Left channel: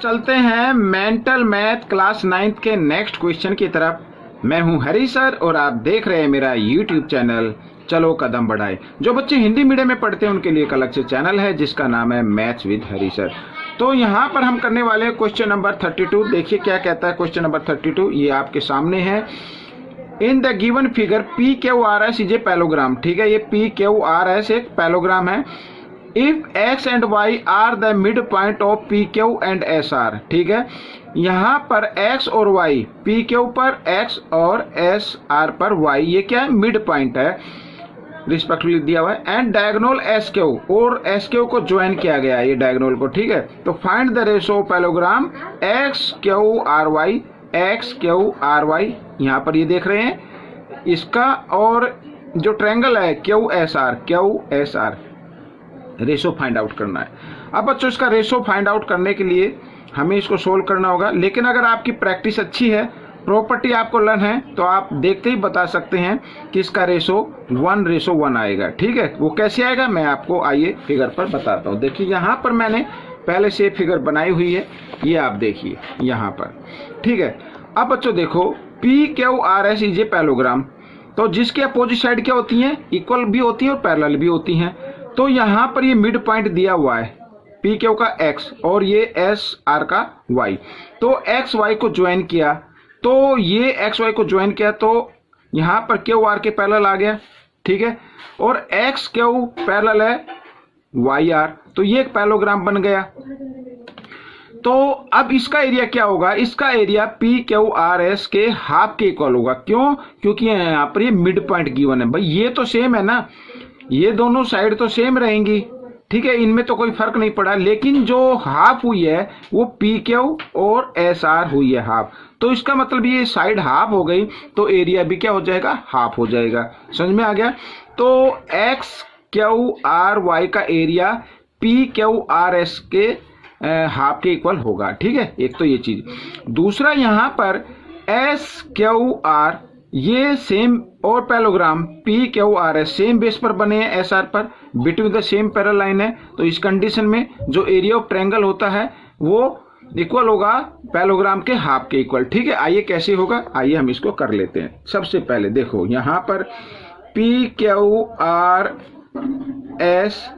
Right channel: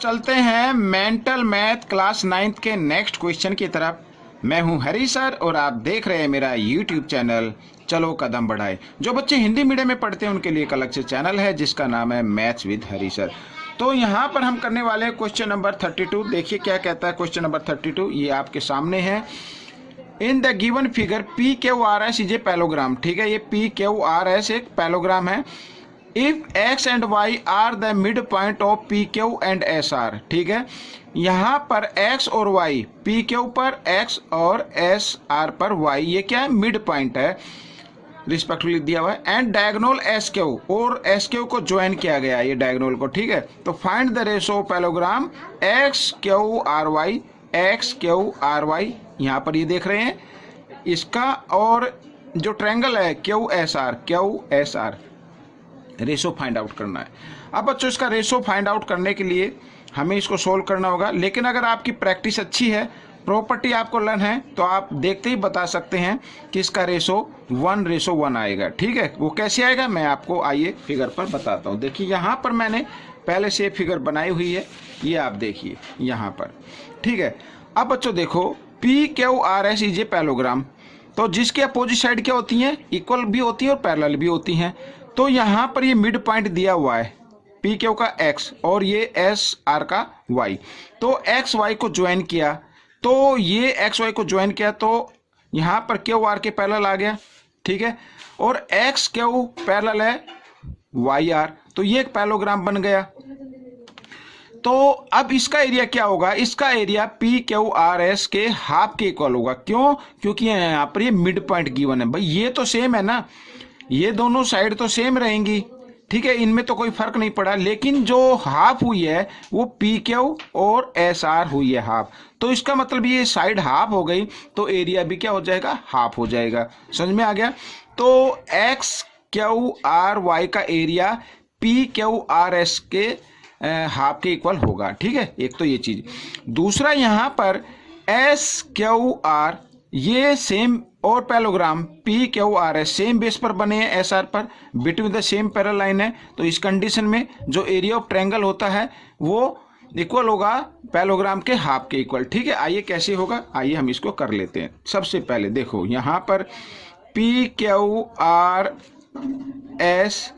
चलते हैं mental math class 9th के नेक्स्ट क्वेश्चन की तरफ। मैं हूं हरी सर और आप देख रहे हैं मेरा यूट्यूब चैनल चलो कदम बढ़ाए। जो बच्चे हिंदी मीडियम में पढ़ते हैं उनके लिए एक अलग से चैनल है जिसका नाम है मैथ्स विद हरी सर। तो यहाँ पर हम करने वाले हैं क्वेश्चन नंबर 32। देखिए क्या कहता है क्वेश्चन नंबर 32, ये आपके सामने है। In the given figure P Q R S is a parallelogram. ठीक है, ये पी क्यू आर एस एक पैलोग्राम है। If x and y are the mid point of P Q and S R. ठीक है, यहाँ पर x और y, पी क्यू पर x और एस आर पर y, ये क्या है, मिड पॉइंट है, रिस्पेक्टिवली दिया हुआ है। एंड डायगोनल एस क्यू, और एस क्यू को ज्वाइन किया गया है ये डायगोनल को। ठीक है, तो find the ratio parallelogram X Q R Y, X Q R Y, यहाँ पर ये देख रहे हैं इसका, और जो ट्रायंगल है Q S are, ratio find out करना है। अब बच्चों इसका रेशो फाइंड आउट करने के लिए हमें इसको सोल्व करना होगा, लेकिन अगर आपकी प्रैक्टिस अच्छी है, प्रॉपर्टी आपको लर्न है, तो आप देखते ही बता सकते हैं कि इसका रेशो 1:1 आएगा। ठीक है, वो कैसे आएगा मैं आपको आइए फिगर पर बताता हूँ। देखिए यहाँ पर मैंने पहले से फिगर बनाई हुई है, ये आप देखिए यहाँ पर। ठीक है, अब बच्चों देखो P Q R S is a parallelogram, तो जिसके अपोजिट साइड क्या होती हैं, इक्वल भी होती है और पैरेलल भी होती हैं। तो यहाँ पर ये मिड पॉइंट दिया हुआ है पी क्यू का x और ये एस आर का y। तो एक्स वाई को ज्वाइन किया, तो ये एक्स वाई को ज्वाइन किया तो यहाँ पर क्यू आर के पैरेलल आ गया। ठीक है, और एक्स क्यू पैरेलल है वाई आर, तो ये एक पैलोग्राम बन गया। तो अब इसका एरिया क्या होगा, इसका area P Q R S के हाफ के इक्वल होगा। क्यों? क्योंकि यहाँ पर ये मिड पॉइंट गिवन है। भाई ये तो सेम है ना, ये दोनों साइड तो सेम रहेंगी। ठीक है, इनमें तो कोई फर्क नहीं पड़ा, लेकिन जो हाफ हुई है वो पी क्यू और एस आर हुई है हाफ। तो इसका मतलब ये साइड हाफ हो गई, तो एरिया भी क्या हो जाएगा, हाफ हो जाएगा। समझ में आ गया? तो एक्स क्यू आर वाई का area P Q R S के हाफ के इक्वल होगा। ठीक है, एक तो ये चीज। दूसरा यहाँ पर एस क्यू आर, ये सेम और parallelogram P Q R S same base पर बने हैं एस आर पर, between the same parallel line है। तो इस कंडीशन में जो एरिया ऑफ ट्रायंगल होता है वो इक्वल होगा पैलोग्राम के हाफ के इक्वल। ठीक है, आइए कैसे होगा, आइए हम इसको कर लेते हैं। सबसे पहले देखो यहाँ पर P Q R S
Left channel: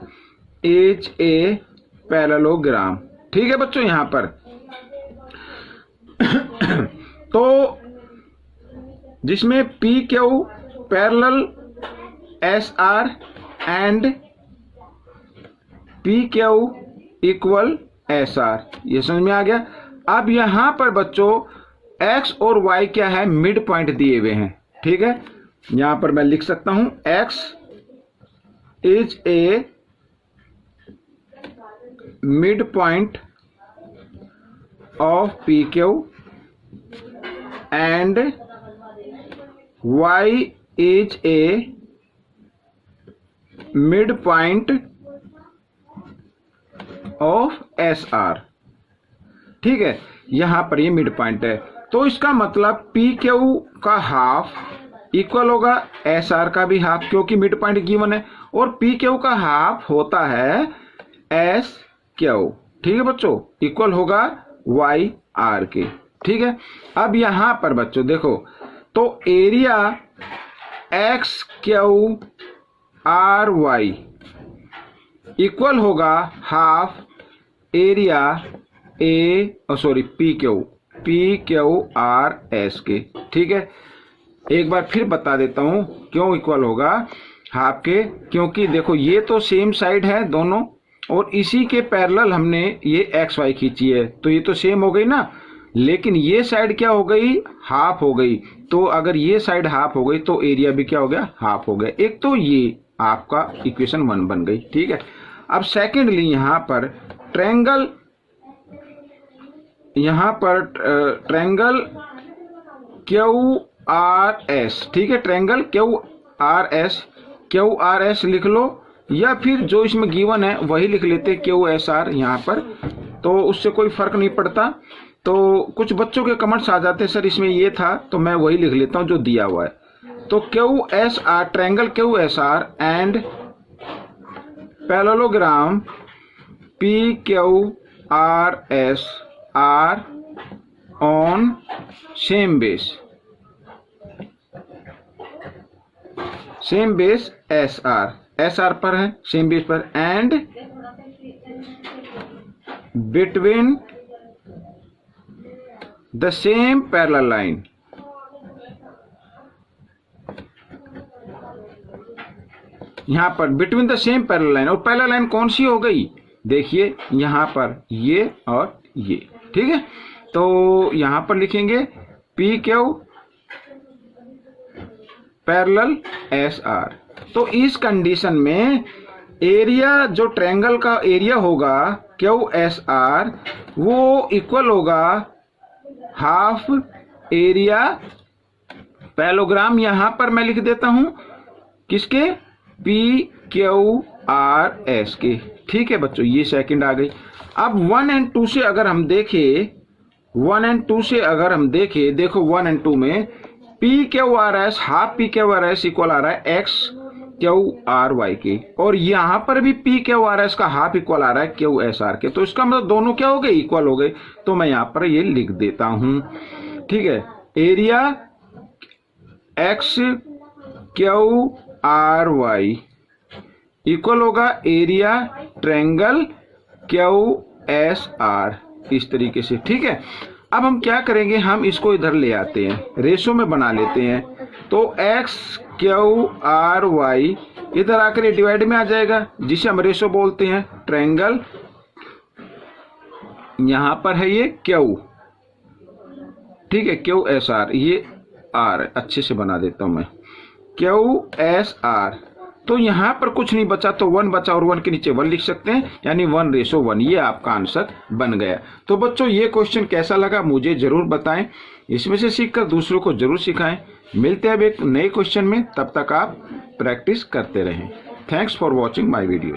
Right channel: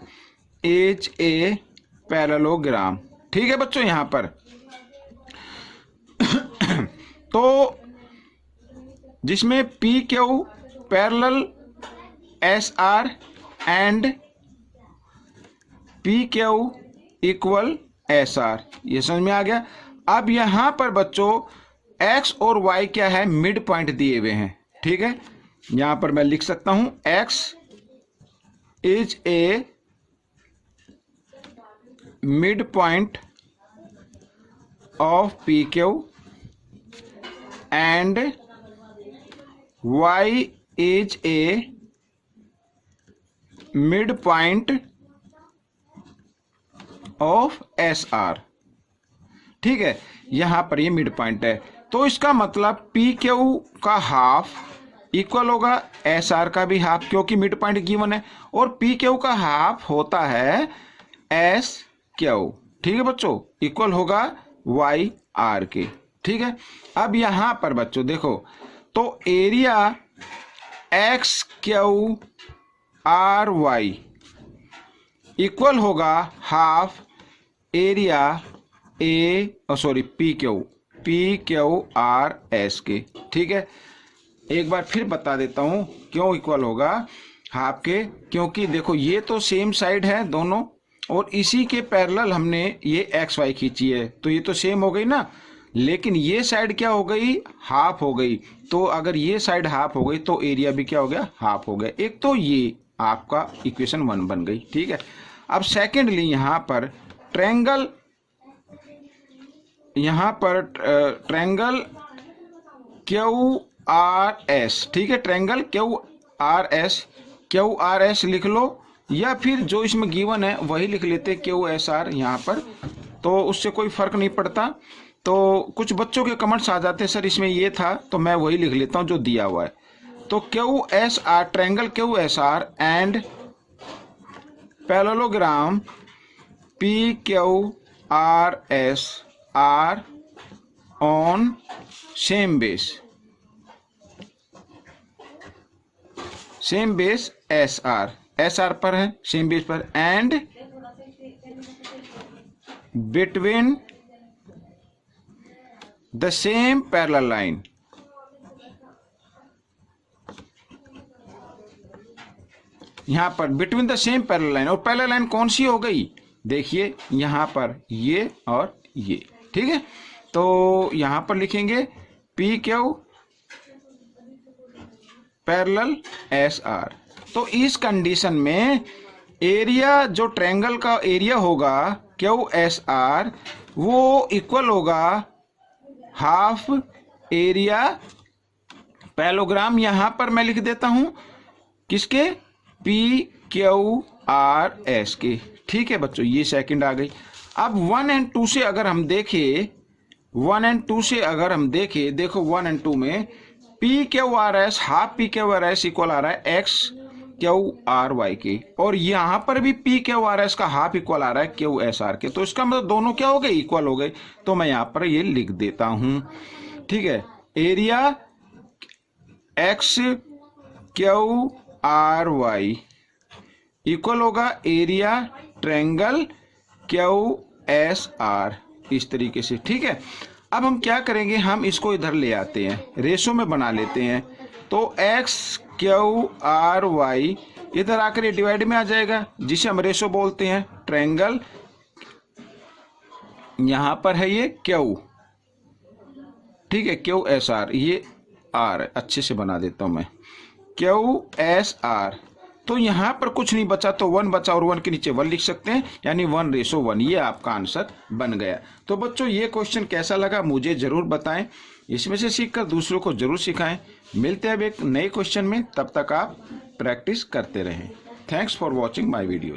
is a parallelogram. ठीक है बच्चों, यहाँ पर तो जिसमें P Q parallel S R and P Q equal S R, ये समझ में आ गया। अब यहां पर बच्चों एक्स और वाई क्या है, मिड पॉइंट दिए हुए हैं। ठीक है, यहां पर मैं लिख सकता हूं x is a mid point of P Q and y is a midpoint of SR। ठीक है, यहां पर ये मिड पॉइंट है, तो इसका मतलब पी क्यू का हाफ इक्वल होगा एस आर का भी हाफ, क्योंकि मिड पॉइंट गिवन है, और पी क्यू का हाफ होता है एस क्यू। ठीक है बच्चों, इक्वल होगा वाई आर के। ठीक है, अब यहां पर बच्चों देखो, तो area X Q R Y equal होगा half area P Q R S के। ठीक है, एक बार फिर बता देता हूं क्यों इक्वल होगा हाफ के, क्योंकि देखो ये तो सेम साइड है दोनों, और इसी के पैरेलल हमने ये एक्स वाई खींची है, तो ये तो सेम हो गई ना, लेकिन ये साइड क्या हो गई, हाफ हो गई। तो अगर ये साइड हाफ हो गई तो एरिया भी क्या हो गया, हाफ हो गया। एक तो ये आपका इक्वेशन 1 बन गई। ठीक है, अब सेकेंडली यहाँ पर ट्रायंगल क्यू आर एस। ठीक है, ट्रायंगल क्यू आर एस लिख लो, या फिर जो इसमें गिवन है वही लिख लेते क्यू एस आर यहाँ पर, तो उससे कोई फर्क नहीं पड़ता। तो कुछ बच्चों के कमेंट्स आ जाते हैं सर इसमें ये था, तो मैं वही लिख लेता हूं जो दिया हुआ है। तो Q S are, triangle Q S are and parallelogram P Q R S R on same base S R पर है, सेम बेस पर, and between the same parallel line, यहां पर between the same parallel line, और parallel line कौन सी हो गई, देखिए यहां पर ये और ये, ठीक है। तो यहां पर लिखेंगे P Q parallel S R. तो इस कंडीशन में एरिया, जो ट्रायंगल का एरिया होगा क्यू एस आर, वो इक्वल होगा हाफ एरिया पैरेललोग्राम, यहां पर मैं लिख देता हूं किसके, पी क्यू आर एस के, ठीक है बच्चों, ये सेकंड आ गई। अब 1 और 2 से अगर हम देखें, 1 और 2 से अगर हम देखें, देखो 1 और 2 में P Q R S, half P Q R S equal आ रहा है एक्स क्यू आर वाई के, और यहां पर भी पी क्यू आर एस का हाफ इक्वल आ रहा है क्यू एस आर के। तो इसका मतलब दोनों क्या हो गए, इक्वल हो गए। तो मैं यहां पर ये लिख देता हूं, ठीक है, area X Q R Y equal होगा area triangle Q S R, इस तरीके से, ठीक है। अब हम क्या करेंगे, हम इसको इधर ले आते हैं, रेशो में बना लेते हैं। तो एक्स क्यू आर वाई इधर आकर ये डिवाइड में आ जाएगा, जिसे हम रेशो बोलते हैं। ट्रायंगल यहां पर है ये क्यू, ठीक है, क्यू एस आर, ये आर अच्छे से बना देता हूं मैं, क्यू एस आर। तो यहां पर कुछ नहीं बचा, तो 1 बचा, और 1 के नीचे 1 लिख सकते हैं, यानी 1:1, ये आपका आंसर बन गया। तो बच्चों ये क्वेश्चन कैसा लगा मुझे जरूर बताएं, इसमें से सीखकर दूसरों को जरूर सिखाएं। मिलते हैं अब एक नए क्वेश्चन में, तब तक आप प्रैक्टिस करते रहें। Thanks for watching my video.